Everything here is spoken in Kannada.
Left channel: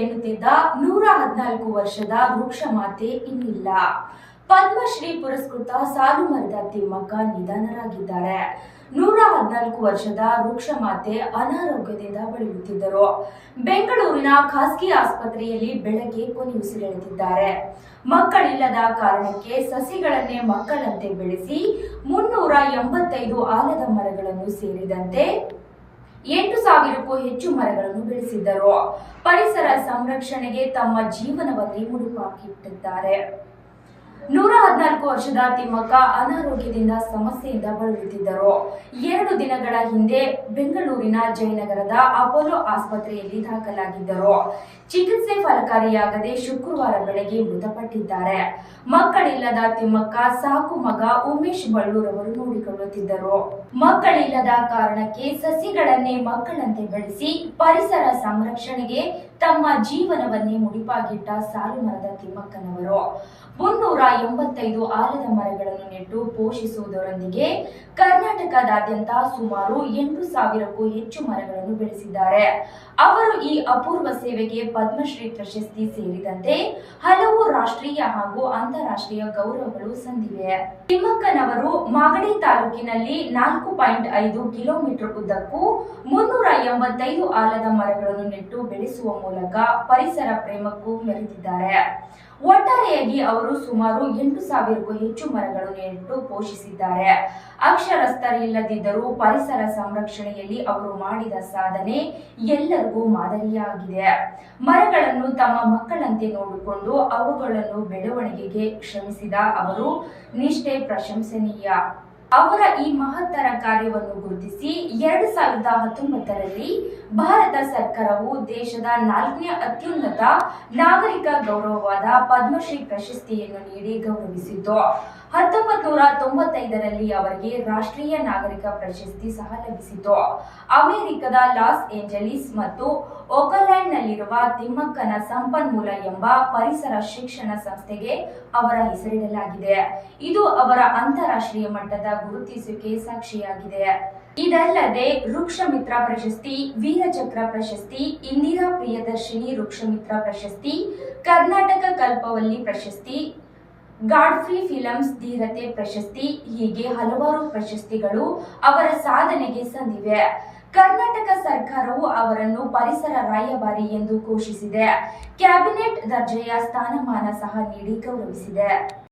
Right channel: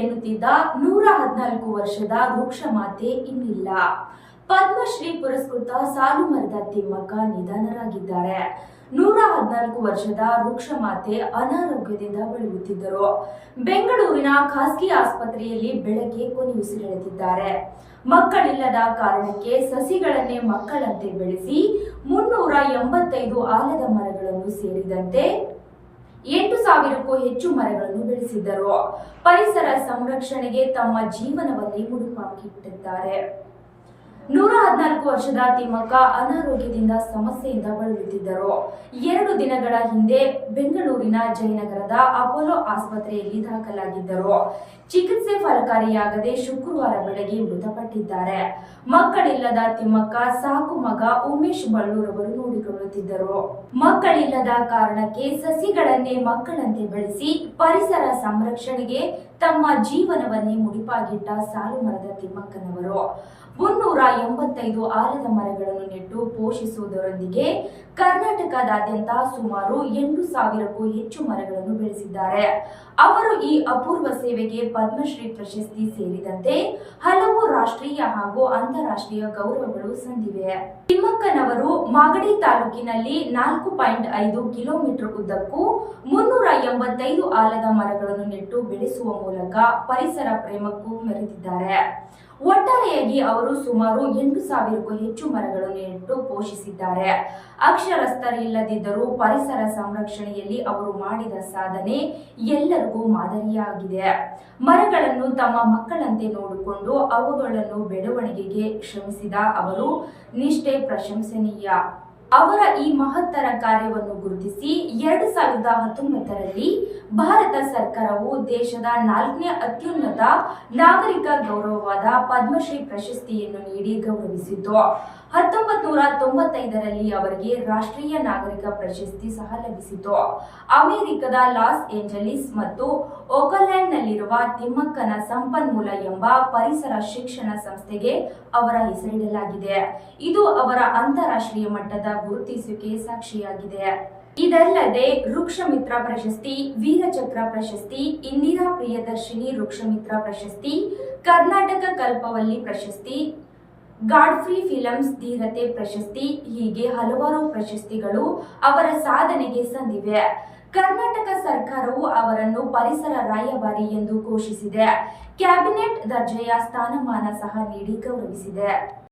ಎನ್ನುತ್ತಿದ್ದ ನೂರ ಹದಿನಾಲ್ಕು ವರ್ಷದ ವೃಕ್ಷ ಮಾತೆ ಇನ್ನಿಲ್ಲ. ಪದ್ಮಶ್ರೀ ಪುರಸ್ಕೃತ ಸಾಲು ಮರದ ತಿಮ್ಮಕ್ಕ ನಿಧನರಾಗಿದ್ದಾರೆ. ನೂರ ಹದಿನಾಲ್ಕು ವರ್ಷದ ವೃಕ್ಷ ಮಾತೆ ಅನಾರೋಗ್ಯದಿಂದ ಬಳಲುತ್ತಿದ್ದರು. ಬೆಂಗಳೂರಿನ ಖಾಸಗಿ ಆಸ್ಪತ್ರೆಯಲ್ಲಿ ಬೆಳಗ್ಗೆ ಕೊನೆಯುಸಿರೆಳೆದಿದ್ದಾರೆ ಮಕ್ಕಳಿಲ್ಲದ ಕಾರಣಕ್ಕೆ ಸಸಿಗಳನ್ನೇ ಮಕ್ಕಳಂತೆ ಬೆಳೆಸಿ ಮುನ್ನೂರ ಎಂಬತ್ತೈದು ಆಲದ ಮರಗಳನ್ನು ಸೇರಿದಂತೆ ಎಂಟು ಸಾವಿರಕ್ಕೂ ಹೆಚ್ಚು ಮರಗಳನ್ನು ಬೆಳೆಸಿದ್ದರು. ಪರಿಸರ ಸಂರಕ್ಷಣೆಗೆ ತಮ್ಮ ಜೀವನವನ್ನೇ ಮುಡಿಪಾಕಿಟ್ಟಿದ್ದಾರೆ. ನೂರ ಹದಿನಾಲ್ಕು ವರ್ಷದ ತಿಮ್ಮಕ್ಕ ಅನಾರೋಗ್ಯದಿಂದ ಸಮಸ್ಯೆಯಿಂದ ಬಳಲುತ್ತಿದ್ದರು. ಎರಡು ದಿನಗಳ ಹಿಂದೆ ಬೆಂಗಳೂರಿನ ಜಯನಗರದ ಅಪೋಲೋ ಆಸ್ಪತ್ರೆಯಲ್ಲಿ ದಾಖಲಾಗಿದ್ದರು. ಚಿಕಿತ್ಸೆ ಫಲಕಾರಿಯಾಗದೆ ಶುಕ್ರವಾರ ಬೆಳಗ್ಗೆ ಮೃತಪಟ್ಟಿದ್ದಾರೆ. ಮಕ್ಕಳಿಲ್ಲದ ತಿಮ್ಮಕ್ಕ ಸಾಕು ಮಗ ಉಮೇಶ್ ಬಳ್ಳೂರ್ ಅವರು ನೋಡಿಕೊಳ್ಳುತ್ತಿದ್ದರು. ಮಕ್ಕಳಿಲ್ಲದ ಕಾರಣಕ್ಕೆ ಸಸಿಗಳನ್ನೇ ಮಕ್ಕಳಂತೆ ಬೆಳೆಸಿ ಪರಿಸರ ಸಂರಕ್ಷಣೆಗೆ ತಮ್ಮ ಜೀವನವನ್ನೇ ಮುಡಿಪಾಗಿಟ್ಟ ಸಾಲು ಮರದ ತಿಮ್ಮಕ್ಕನವರು. ಮುನ್ನೂರ ಎಂಬತ್ತೈದು ಆಲದ ಮರಗಳನ್ನು ನೆಟ್ಟು ಪೋಷಿಸುವುದರೊಂದಿಗೆ ಕರ್ನಾಟಕದಾದ್ಯಂತ ಸುಮಾರು ಎಂಟು ಸಾವಿರಕ್ಕೂ ಹೆಚ್ಚು ಮರಗಳನ್ನು ಬೆಳೆಸಿದ್ದಾರೆ. ಅವರು ಈ ಅಪೂರ್ವ ಸೇವೆಗೆ ಪದ್ಮಶ್ರೀ ಪ್ರಶಸ್ತಿ ಸೇರಿದಂತೆ ಹಲವು ರಾಷ್ಟ್ರೀಯ ಹಾಗೂ ಅಂತಾರಾಷ್ಟ್ರೀಯ ಗೌರವಗಳು ಸಂದಿವೆ. ತಿಮ್ಮಕ್ಕನವರು ಮಾಗಡಿ ತಾಲೂಕಿನಲ್ಲಿ ನಾಲ್ಕು ಪಾಯಿಂಟ್ ಐದು ಕಿಲೋಮೀಟರ್ ಉದ್ದಕ್ಕೂ ಮುನ್ನೂರ ಎಂಬತ್ತೈದು ಆಲದ ಮರಗಳನ್ನು ನೆಟ್ಟು ಬೆಳೆಸುವ ಮೂಲಕ ಪರಿಸರ ಪ್ರೇಮಕ್ಕೂ ಮೆರೆದಿದ್ದಾರೆ. ಒಟ್ಟಾರೆಯಾಗಿ ಅವರು ಸುಮಾರು ಎಂಟು ಸಾವಿರಕ್ಕೂ ಹೆಚ್ಚು ಮರಗಳು ನೆಟ್ಟು ಪೋಷಿಸಿದ್ದಾರೆ. ಅಕ್ಷರಸ್ಥರಿಲ್ಲದಿದ್ದರೂ ಪರಿಸರ ಸಂರಕ್ಷಣೆಯಲ್ಲಿ ಅವರು ಮಾಡಿದ ಸಾಧನೆ ಎಲ್ಲರಿಗೂ ಮಾದರಿಯಾಗಿದೆ. ಮರಗಳನ್ನು ತಮ್ಮ ಮಕ್ಕಳಂತೆ ನೋಡಿಕೊಂಡು ಅವುಗಳನ್ನು ಬೆಳವಣಿಗೆಗೆ ಶ್ರಮಿಸಿದ ಅವರು ನಿಷ್ಠೆ ಪ್ರಶಂಸನೀಯ. ಅವರ ಈ ಮಹತ್ತರ ಕಾರ್ಯವನ್ನು ಗುರುತಿಸಿ ಎರಡು ಸಾವಿರದ ಹತ್ತೊಂಬತ್ತರಲ್ಲಿ ಭಾರತ ಸರ್ಕಾರವು ದೇಶದ ನಾಲ್ಕನೇ ಅತ್ಯುನ್ನತ ನಾಗರಿಕ ಗೌರವವಾದ ಪದ್ಮಶ್ರೀ ಪ್ರಶಸ್ತಿಯನ್ನು ನೀಡಿ ಗೌರವಿಸಿತು. ಹತ್ತೊಂಬತ್ ನೂರ ತೊಂಬತ್ತೈದರಲ್ಲಿ ಅವರಿಗೆ ರಾಷ್ಟ್ರೀಯ ನಾಗರಿಕ ಪ್ರಶಸ್ತಿ ಸಹ ಲಭಿಸಿತು. ಅಮೆರಿಕದ ಲಾಸ್ ಏಂಜಲೀಸ್ ಮತ್ತು ಓಕಲ್ಯಾಂಡ್ನಲ್ಲಿರುವ ತಿಮ್ಮಕ್ಕನ ಸಂಪನ್ಮೂಲ ಎಂಬ ಪರಿಸರ ಶಿಕ್ಷಣ ಸಂಸ್ಥೆಗೆ ಅವರ ಹೆಸರಿಡಲಾಗಿದೆ. ಇದು ಅವರ ಅಂತಾರಾಷ್ಟ್ರೀಯ ಮಟ್ಟದ ಗುರುತಿಸುವಿಕೆ ಸಾಕ್ಷಿಯಾಗಿದೆ. ಇದಲ್ಲದೆ ವೃಕ್ಷಮಿತ್ರ ಪ್ರಶಸ್ತಿ, ವೀರಚಕ್ರ ಪ್ರಶಸ್ತಿ, ಇಂದಿರಾ ಪ್ರಿಯದರ್ಶಿನಿ ವೃಕ್ಷಮಿತ್ರ ಪ್ರಶಸ್ತಿ, ಕರ್ನಾಟಕ ಕಲ್ಪವಲ್ಲಿ ಪ್ರಶಸ್ತಿ, ಗಾಡ್ಫ್ರಿ ಫಿಲಮ್ಸ್ ಧೀರತೆ ಪ್ರಶಸ್ತಿ, ಹೀಗೆ ಹಲವಾರು ಪ್ರಶಸ್ತಿಗಳು ಅವರ ಸಾಧನೆಗೆ ಸಂದಿವೆ. ಕರ್ನಾಟಕ ಸರ್ಕಾರವು ಅವರನ್ನು ಪರಿಸರ ರಾಯಭಾರಿ ಎಂದು ಘೋಷಿಸಿದೆ. ಕ್ಯಾಬಿನೆಟ್ ದರ್ಜೆಯ ಸ್ಥಾನಮಾನ ಸಹ ನೀಡಿ ಗೌರವಿಸಿದೆ.